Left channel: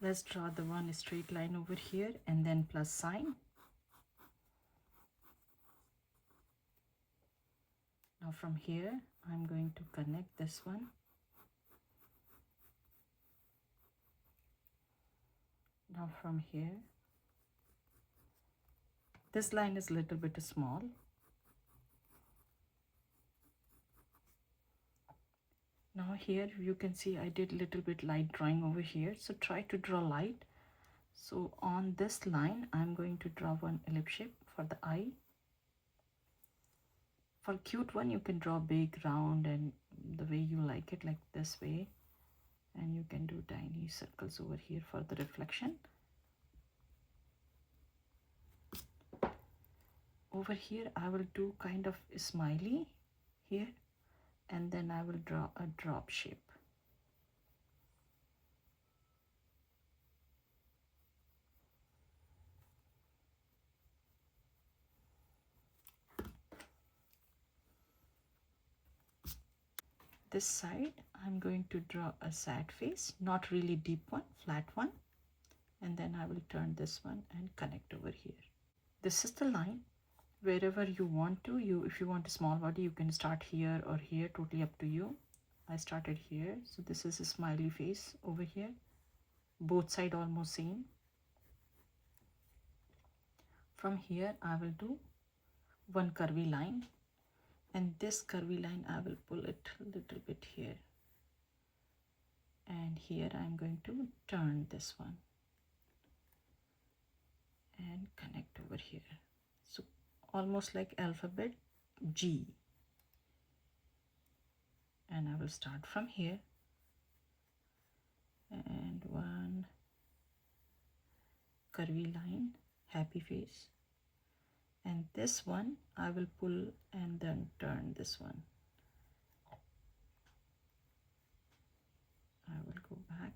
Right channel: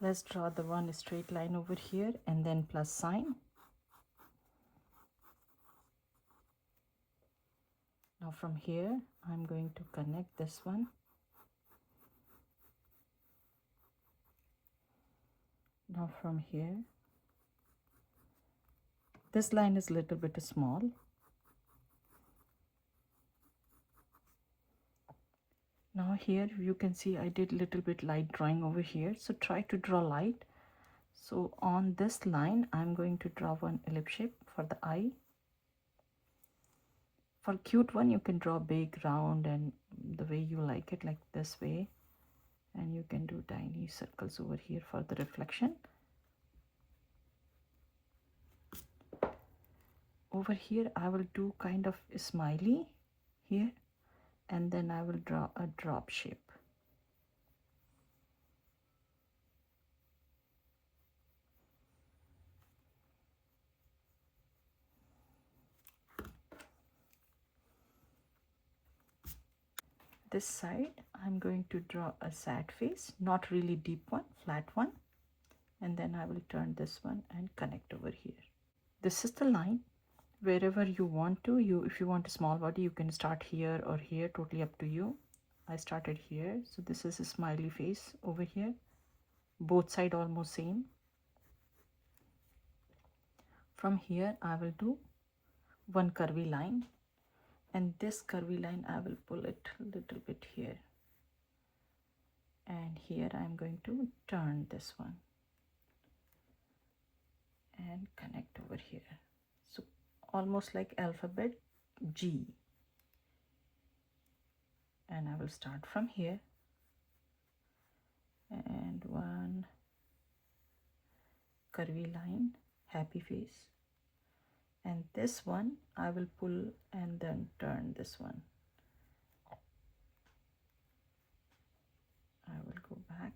Let's draw the one straight line over here and then plus sign. Now from here, I'm going to connect this one. Now from here, this line is a little bit small. Now here you can see I did a little bit light drawing over here. So try to draw light. So on this line, I'm going to draw one ellipse shape for the eye. For cute one, you can draw big, round, and the way you like it, like this way. And you can do tiny circles over here for the reflection. Over here, I will do kind of a smiley here, and then I will draw a drop shape. This side, I'm going to draw a sad face, not really deep one, flat one. And then I will turn this one and connect over here. This is the line. Wherever you want to, if you want a small body, you can start here or here, totally up to you. I started here, so this is a smiley face over here. Both sides almost same. From here, I will do one curvy line, and this curvy line I will pull it a little bit here, and here I'm going to turn this one and connect over here. So almost like alphabet G, and I will start from here and one curvy line, happy face, and this one I will pull and then turn this one. I will go back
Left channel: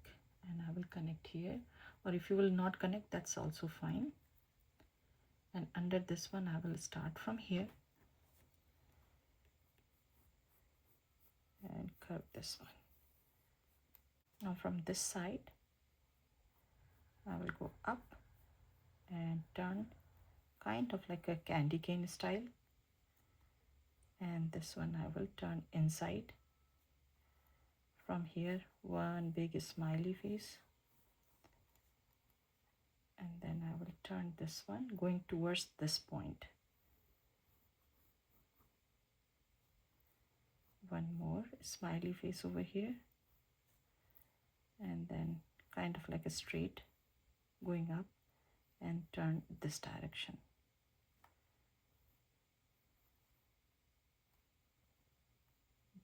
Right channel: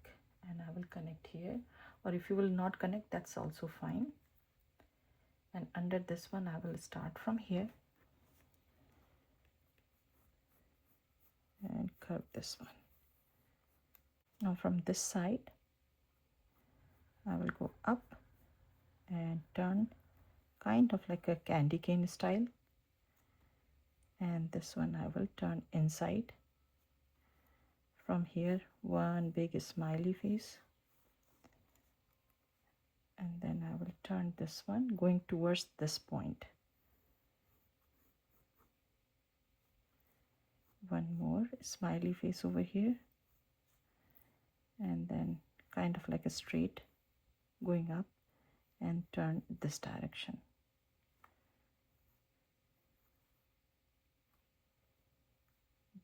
and I will connect here, or if you will not connect, that's also fine. And under this one I will start from here and curve this one. Now from this side I will go up and turn kind of like a candy cane style, and this one I will turn inside. From here, one big smiley face, and then I will turn this one going towards this point. One more smiley face over here, and then kind of like a straight going up and turn this direction.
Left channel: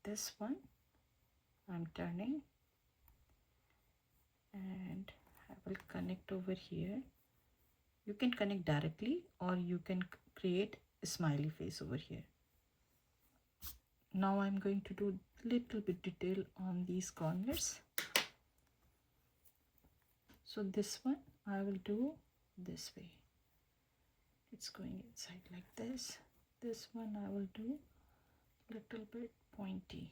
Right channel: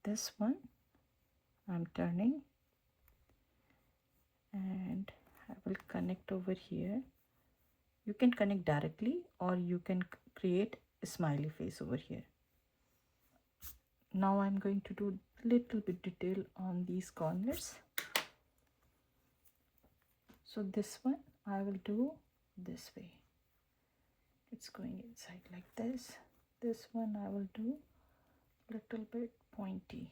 This one I'm turning and I will connect over here. You can connect directly or you can create a smiley face over here. Now I'm going to do little bit detail on these corners. So this one I will do this way. It's going inside like this. This one I will do little bit pointy.